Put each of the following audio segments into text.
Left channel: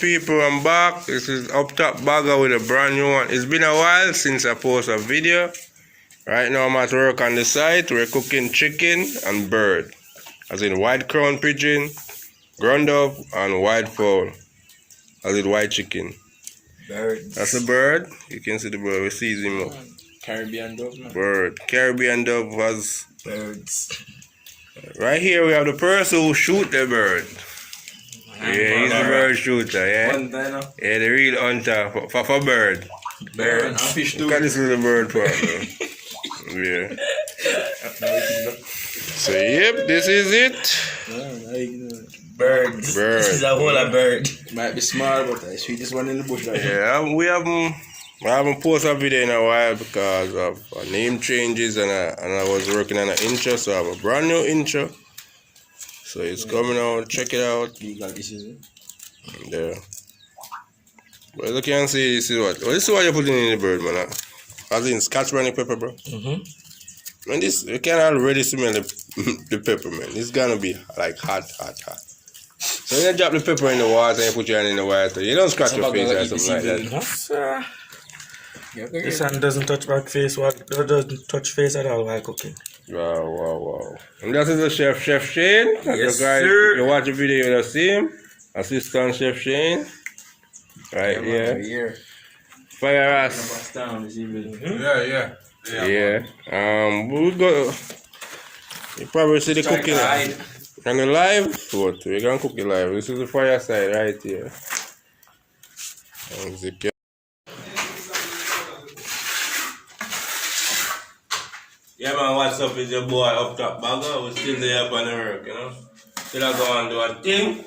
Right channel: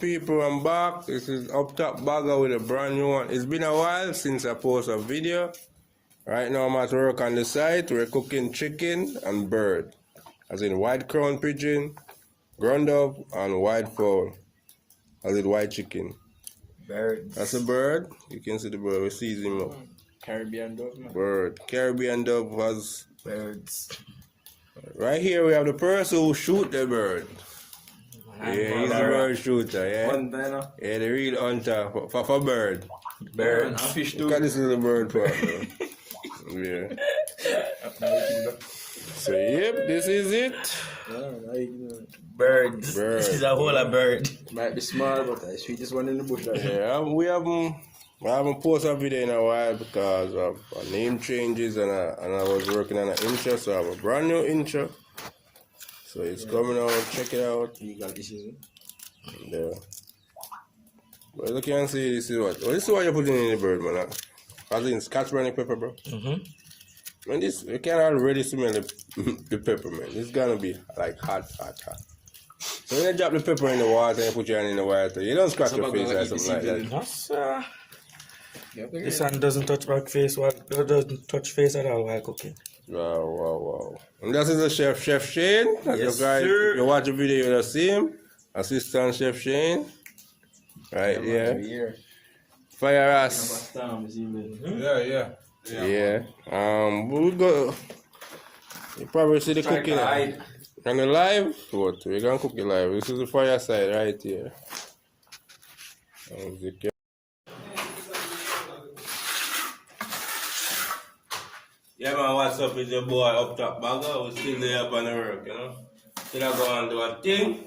people, I'm back. This is Up Top Bagger with a brand new one. It's been a while since I posted a video. Right now I'm at work on the site. We're cooking chicken and bird. As in white crown pigeon, ground dove, and white fowl. As in white chicken. Birds. That's a bird. You can see the bird. We see him. Caribbean dove, man. Bird. Caribbean dove was... Birds. Right here we have the person who shoot the bird. Yeah, he's the bird shooter, yeah? Yeah, the real hunter for bird. Bird and fish too. Look at this little bird part, yeah. So, yep, this is it. Birds. Bird. This is a whole of bird. Might be small, but the sweetest one in the bush. Like Yeah, I haven't posted a video in a while because of name changes and I was working on an intro, so I have a brand new intro. So it's coming out, check it out. legal issues. There. But as you can see, this is what? Well, this is what you're putting in the bird, man. As in scotch brownie pepper, bro. Man, this, you can already smell the pepper, man. It's gonna be like hot. So you drop the pepper in the water and put your hand in the water. You don't scratch your face or something like that. This hand doesn't touch back face, doesn't touch face at all while cooking. Wow. And that is the Chef Shane. Yes, guys, sir. If you watch the video, you'll see him. Assistant Chef Shane. Right here. Fire ass. Yeah. Yeah. We go. You probably see the cooking. On the live food. We're gonna cook it live. This is the fireside right here. Yeah man, what's up? It's your boy Up Top Bagger. We're still there up on the work, you know. Still I go and do a thing.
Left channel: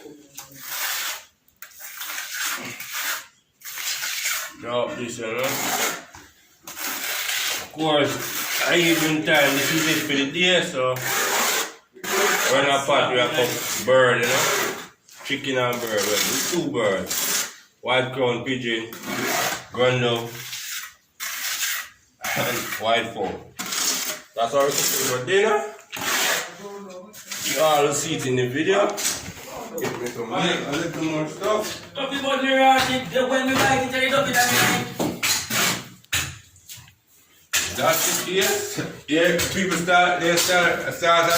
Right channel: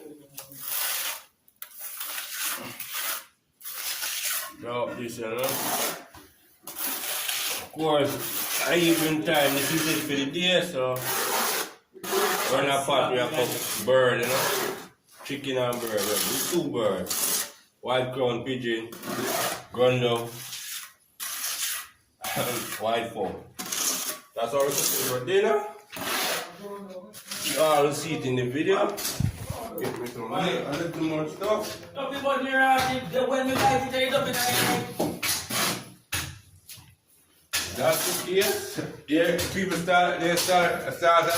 Drop this, you know. Of course, I even time, this is it for the day, so when I pot we have cook bird, you know. Chicken and bird. We do 2 birds. White crown pigeon, ground dove, and white fowl. That's all we're cooking for dinner. You all see it in the video. Get me some milk, a little more stuff. That's it here. Yeah, people start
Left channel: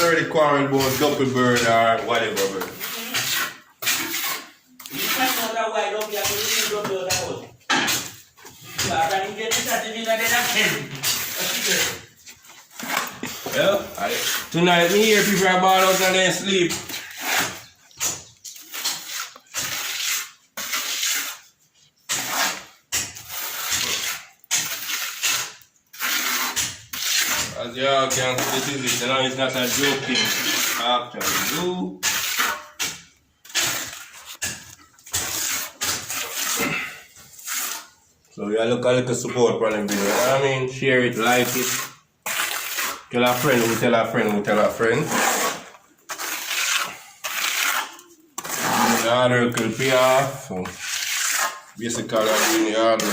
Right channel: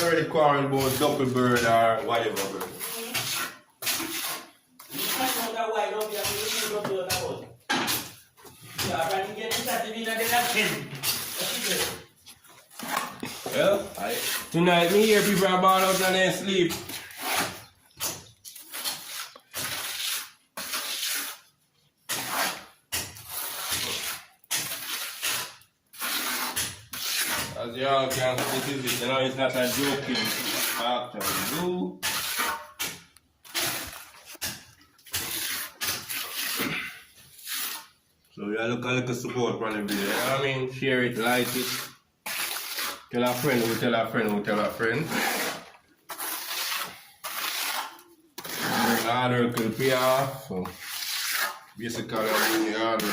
already quarreling about double bird or whatever bird. Yeah, tonight me hear people are ball out and they sleep. As you all can see, this is it, you know, it's not a joking actually do. So you look a little support for the video, you know what I mean? Share it, like it. Tell a friend, we tell a friend, we tell a friend. The hard work will pay off. So basically I'm doing the hard work,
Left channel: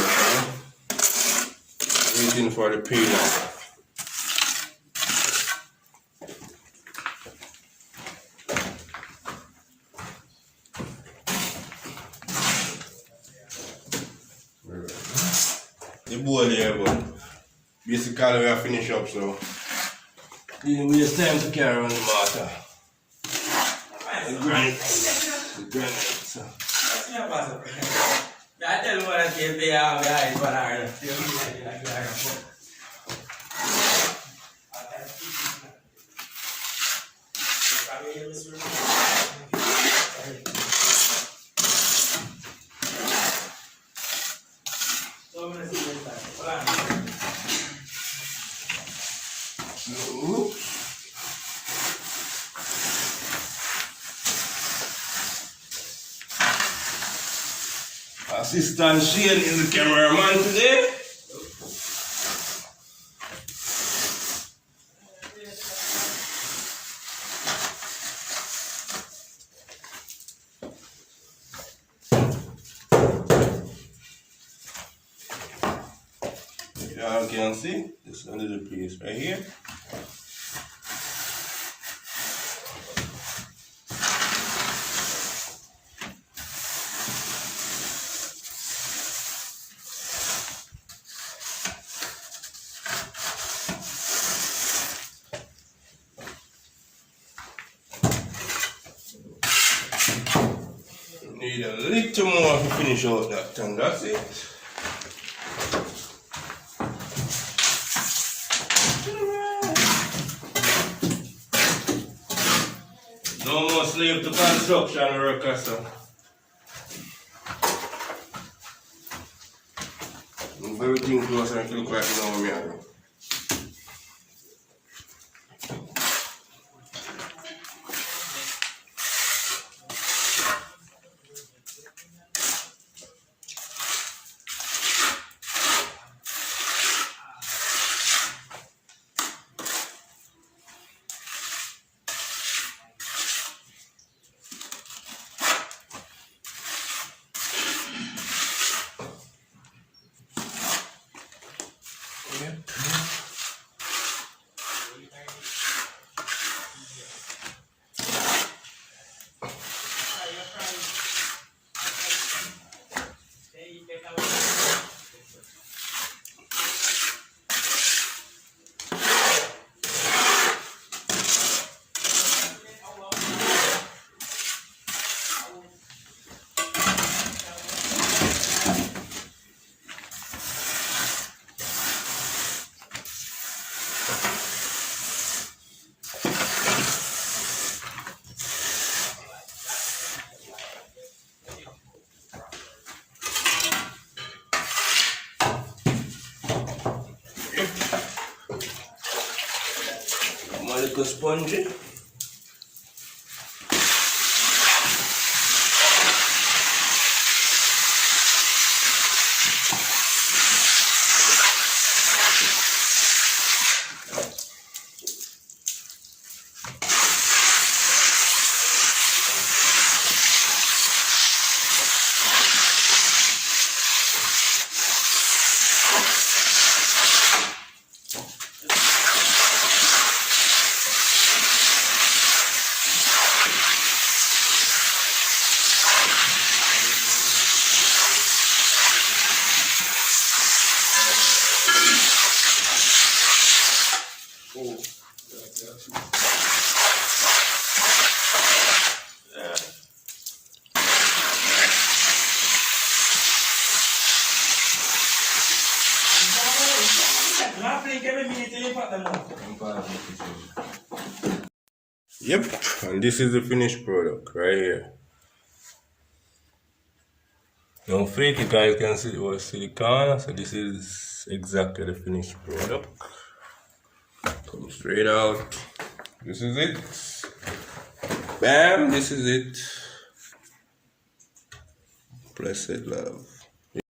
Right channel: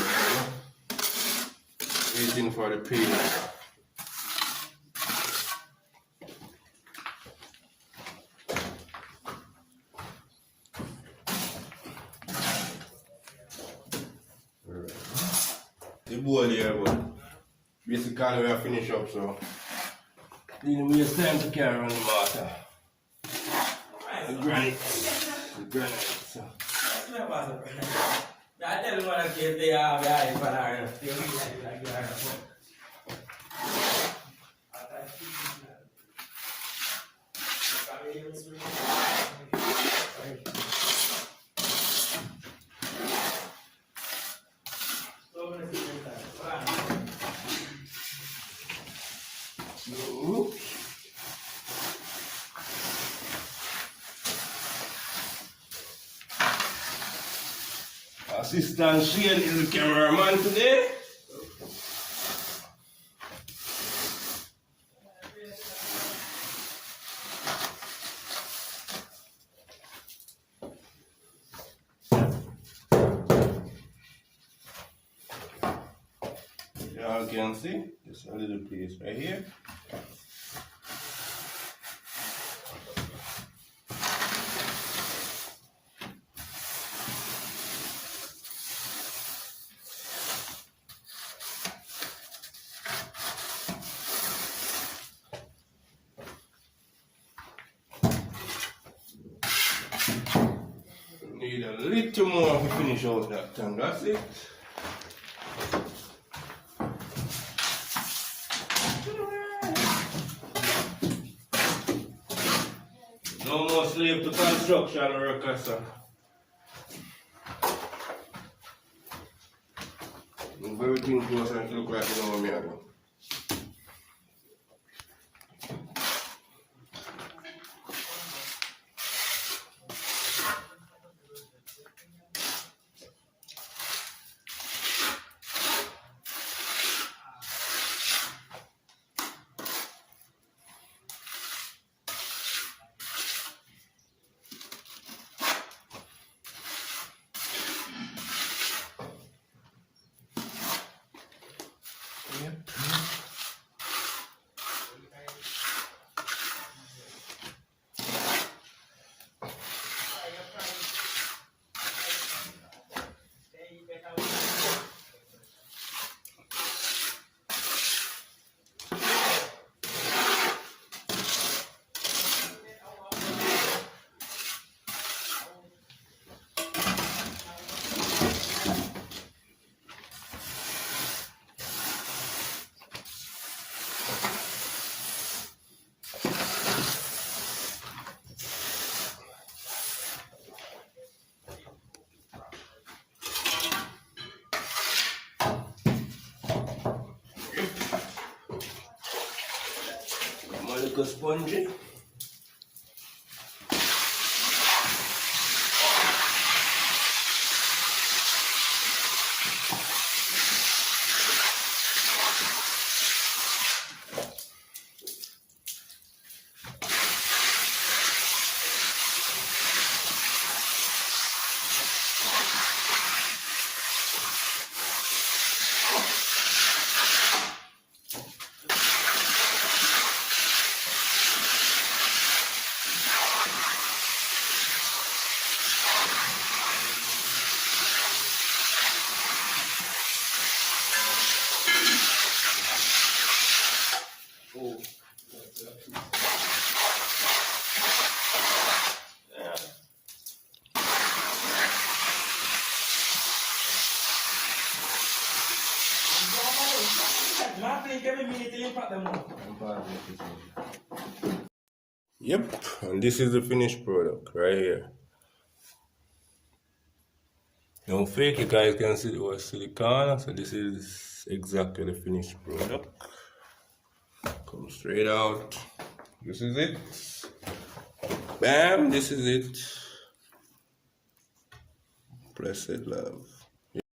waiting for the payoff. The bowl here, but basically we are finished up, so didn't waste time to carry on the water. The granite. So. I tell them what I say, they are guys, but I Assistant Shane is the cameraman today. You all can see, there's a little piece right here. need a little more to finish out that, and that's it. No more slave to construction workers. So. Move everything close and look like you know me. I'm a little spongy. Yep, and this is the finished product right here. Don't fake it, guys can see the silicone. So this is exactly the finished product. Come straight out. This is it. Bam, this is it. Blessed love.